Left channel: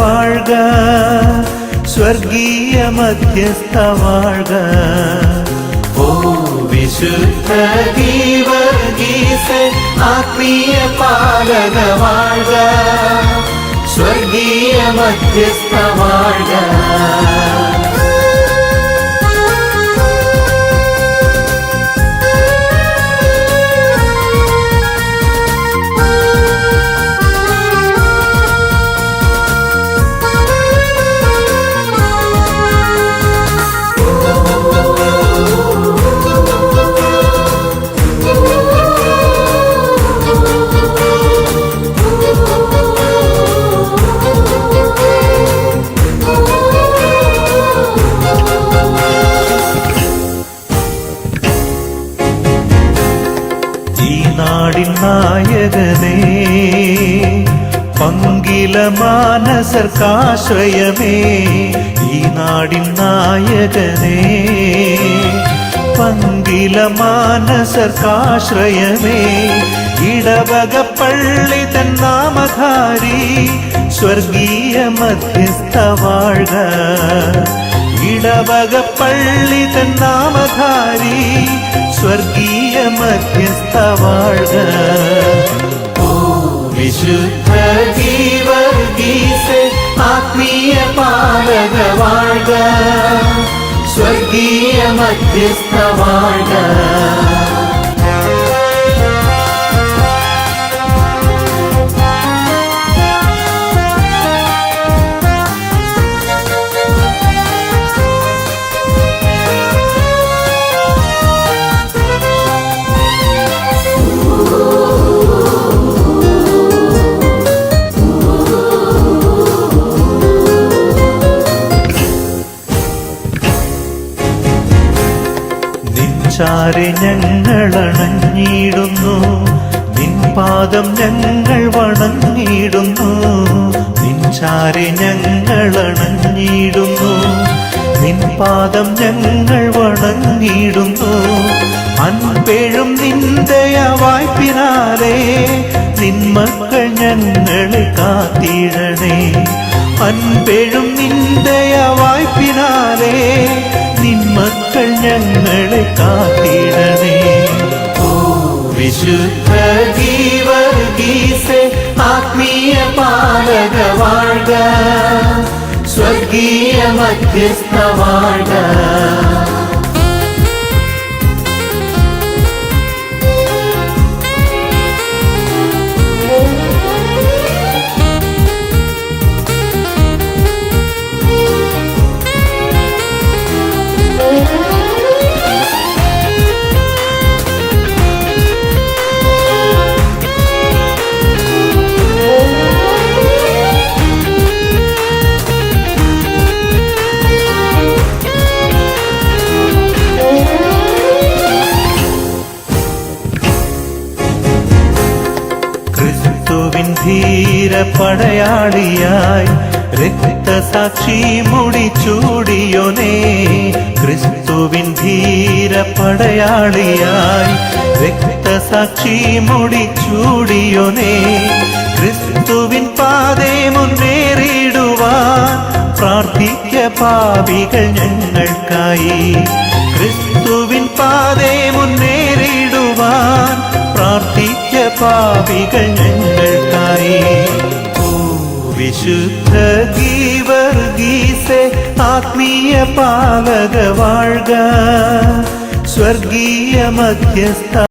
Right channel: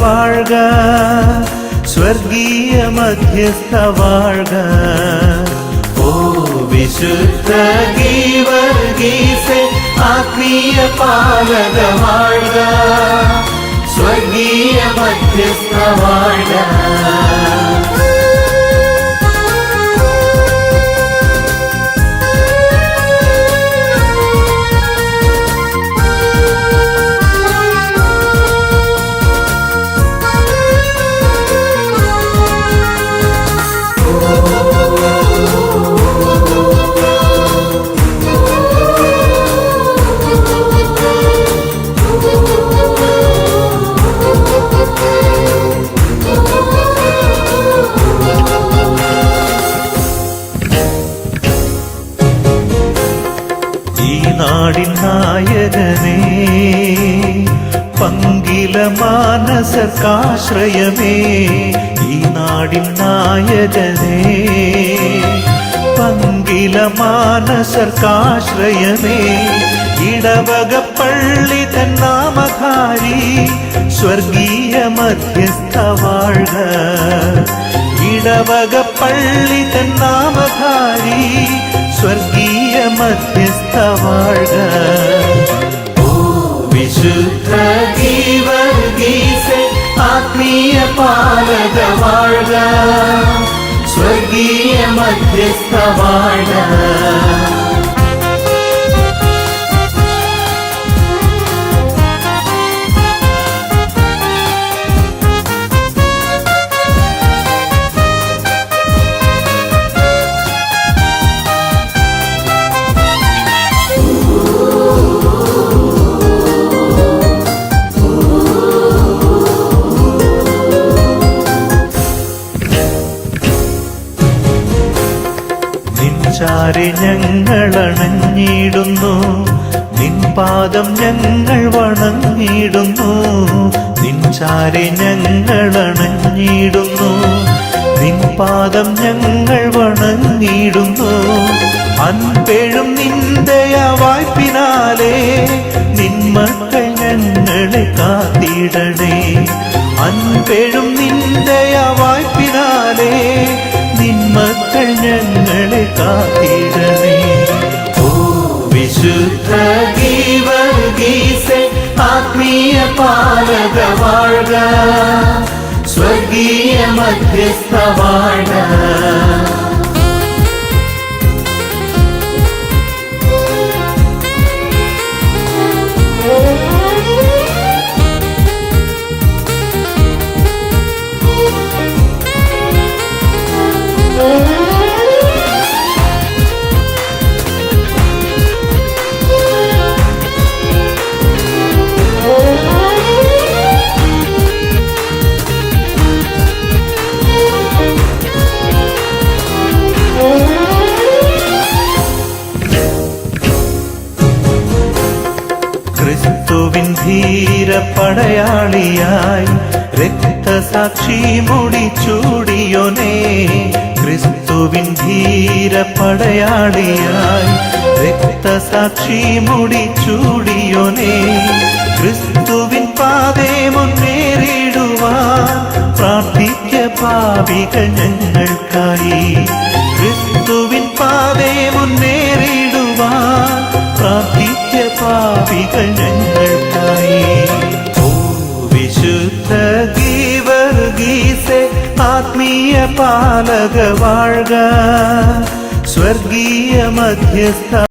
വാഴ്ക സ്വർഗീയ മധ്യസ്ഥ വാഴ്ക. ഓ വിശുദ്ധ ഗീവർഗീസ ആത്മീയ പാലക വാഴ്ക. സ്വർഗീയ മധ്യസ്ഥ വാഴ്ക. നാടിൻ നായകനേ പങ്കില മാനസകാശ്രയമേ ഈ നാടിൻ നായകനേ പങ്കില മാനസകാശ്രയമേ ഇടവക പള്ളി തൻ നാമധാരി സ്വർഗീയ മധ്യസ്ഥ വാഴ്ക ഇടവക പള്ളി തൻ നാമധാരി സ്വർഗീയ മധ്യസ്ഥ വാഴ്ക. ഓ വിശുദ്ധ ഗീവർഗീസെ ആത്മീയ പാലക വാഴ്ക. സ്വർഗീയ മധ്യസ്ഥ നിൻചാരി ഞങ്ങളണഞ്ഞിടുന്നു നിൻപാദം ഞങ്ങൾ വണങ്ങിടുന്നു നിൻചാരി ഞങ്ങളണഞ്ഞിടുന്നു നിൻപാദം ഞങ്ങൾ വണങ്ങിടുന്നു അൻപേഴും നിന്റെ വായ്പിനാലേ നിന്മക്കൾ ഞങ്ങൾ കാത്തിടണേ. അൻപേഴും നിന്റെ വായ്പിനാലേ മക്കൾ ഞങ്ങളെ കാത്തിടണേ ഓ വിശുദ്ധ ഗീവർഗീസെ ആത്മീയ പാലക വാഴ സ്വർഗീയ മധ്യസ്ഥ വാഴ്ക. ക്രിസ്തുവിൻ ധീര പടയാളിയായി രക്തസാക്ഷി മുടിച്ചൂടിയോനേ ക്രിസ്തുവിൻ ധീര പടയാളിയായി രക്തസാക്ഷി മുടിച്ചൂടിയോനേ ക്രിസ്തുവിൻ പാതേ മുന്നേറിടുവാൻ പ്രാർത്ഥിക്ക പാപികൾ ഞങ്ങൾക്കായി. ക്രിസ്തുവിൻ പാതേ മുന്നേറിടുവാൻ പ്രാർത്ഥിക്ക പാപികൾ ഗീവർഗീസെ ആത്മീയ പാലക വാഴ്ക സ്വർഗീയ മധ്യസ്ഥ